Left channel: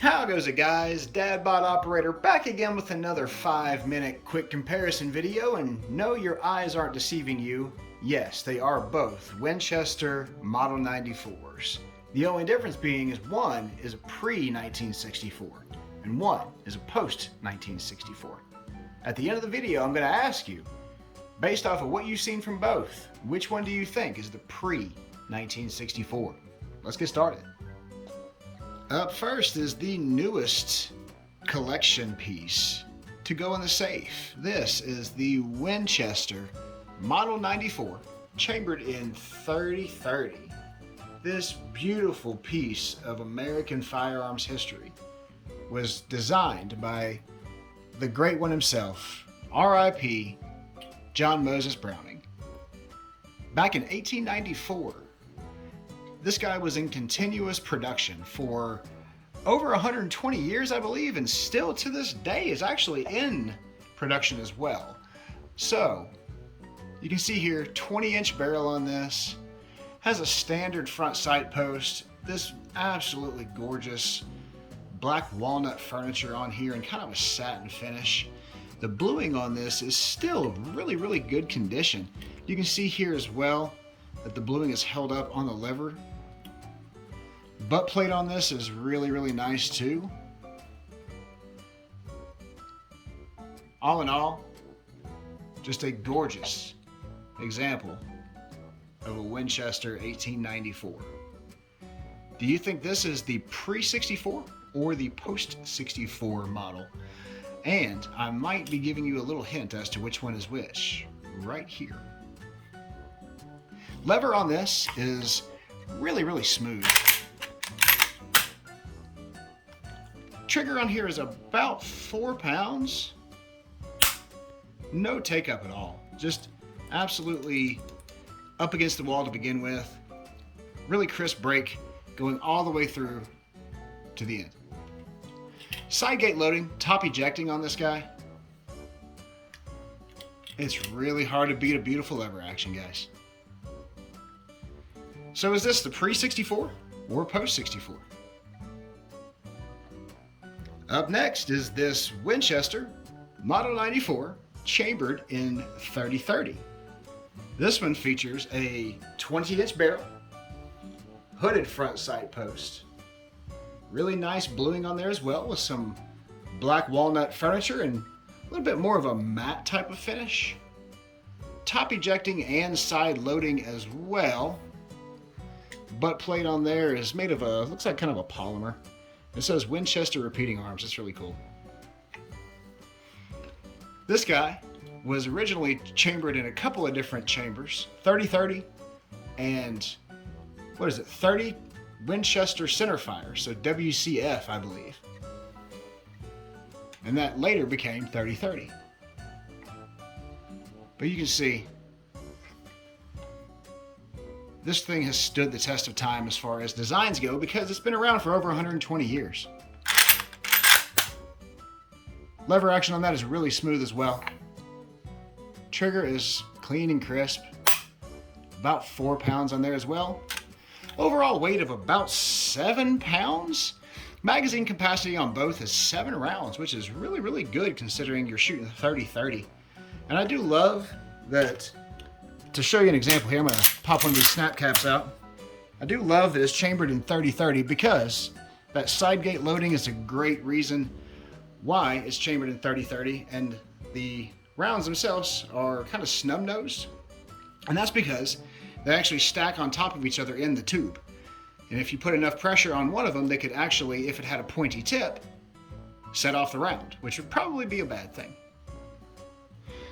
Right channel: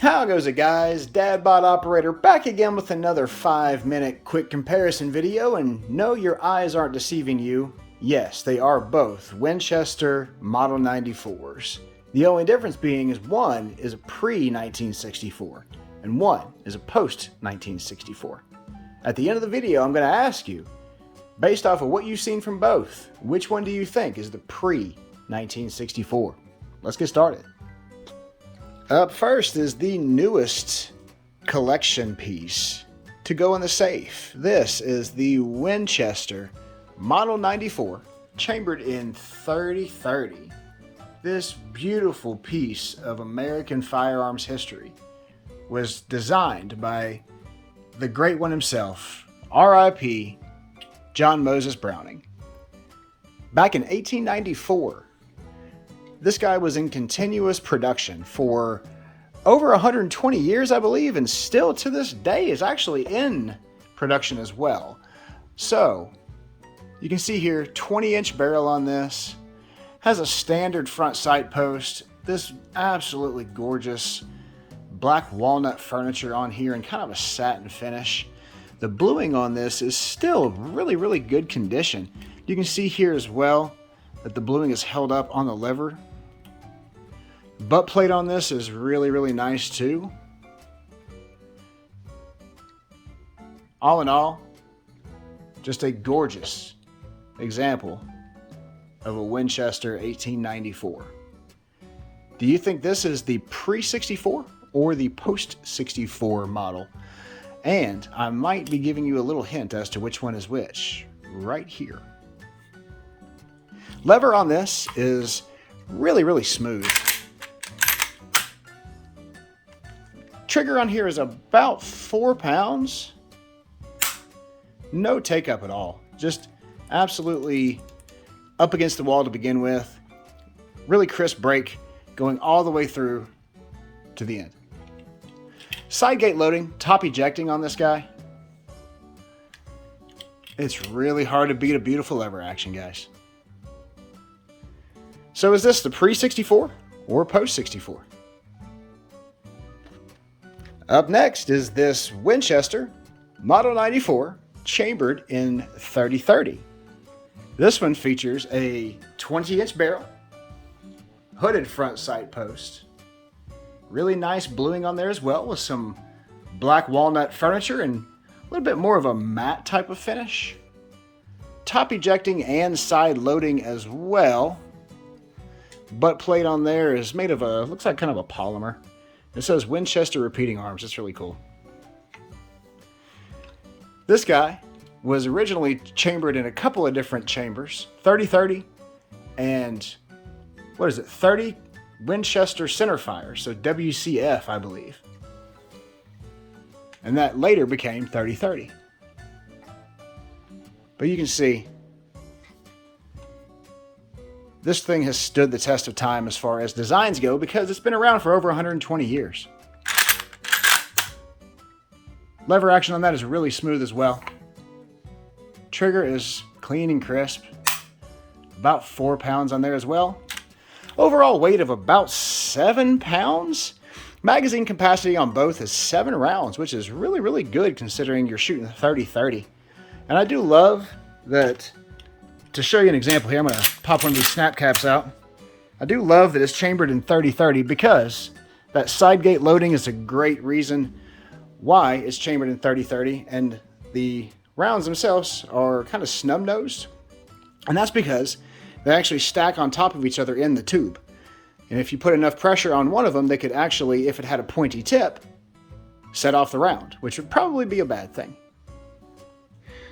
How goes it, guys? Dadbot Operator back again with another 5-minute quick comparison video, and no, your eyes aren't deceiving you. Yes, they are both Winchester Model 94s. The only difference being is one is a pre-1964 and one is a post-1964. At the end of the video, I'm going to ask you, based off of what you've seen from both, which one do you think is the pre-1964? Let's get started. Up first is the newest collection piece to go in the safe. This is the Winchester Model 94, chambered in 3030. This beautiful piece of American firearms history was designed by the great one himself, R.I.P. John Moses Browning. Back in 1894, this guy was in continuous production for over 120 years, I believe, and still to this day is actually in production as well. So, you can see here, 20-inch barrel on this, has a standard front sight post, this absolutely gorgeous black walnut furniture on here and kind of a satin finish. The bluing on this is still really good condition. You can see here as well that the bluing is held up on the lever. Butt plate on this is really nice too. All in all, just a gorgeous example of a Winchester 1894. Do you think this is the pre-'64 or the post-'64 model? And I might be giving you a little hint as to which one is which right here. Lever on this is really smooth. Trigger on here is about 4 pounds. No take up at all. Just absolutely up against the wall to begin with. Really crisp brake going all the way through to the end. Side gate loading, top ejecting on this guy. It's really hard to beat a beautiful lever action, guys. So is this the pre-'64 or post-'64? Up next is this Winchester Model 94, chambered in 3030. This one features a 20-inch barrel, hooded front sight post, really nice bluing on there as well with some black walnut furniture and a little bit more of a matte type of finish. Top ejecting and side loading as well. Butt plate on there is made of a, looks like kind of a polymer. It says Winchester repeating arms. That's really cool. This guy was originally chambered in a couple of different chambers, 3030 and what is it, 30 Winchester centerfire, so WCF, I believe. And that later became 3030. But you can see this thing has stood the test of time as far as designs go because it's been around for over 120 years. Lever action on that is really smooth as well. Trigger is clean and crisp. About 4 pounds on there as well. Overall weight of about 7 pounds. Magazine capacity on both is 7 rounds, which is really good considering you're shooting 30-30. And I do love that. To show you an example here, I'm going to pop one of these snap caps out. I do love that it's chambered in 3030 because that side gate loading is a great reason why it's chambered in 3030, and the rounds themselves are kind of snub-nosed, and that's because they actually stack on top of each other in the tube. And if you put enough pressure on one of them, they could actually, if it had a pointy tip, set off the round, which would probably be a bad thing.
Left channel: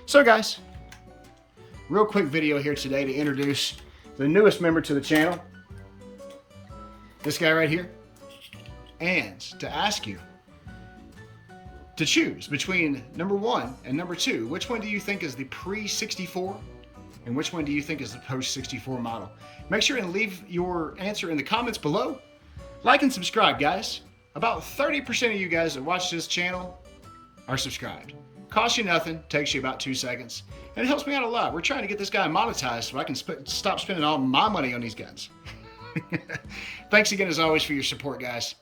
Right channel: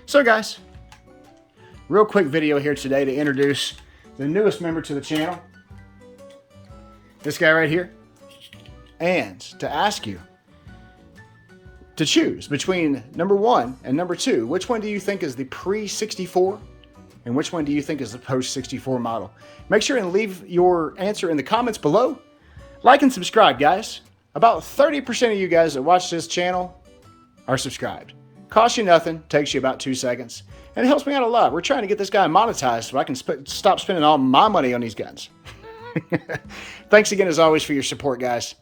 So guys, real quick video here today to introduce the newest member to the channel, this guy right here, and to ask you to choose between number 1 and number 2. Which one do you think is the pre-'64 and which one do you think is the post-'64 model? Make sure and leave your answer in the comments below. Like and subscribe, guys. About 30% of you guys that watch this channel are subscribed. Costs you nothing, takes you about 2 seconds. And it helps me out a lot. We're trying to get this guy monetized so I can stop spending all my money on these guns. Thanks again, as always, for your support, guys.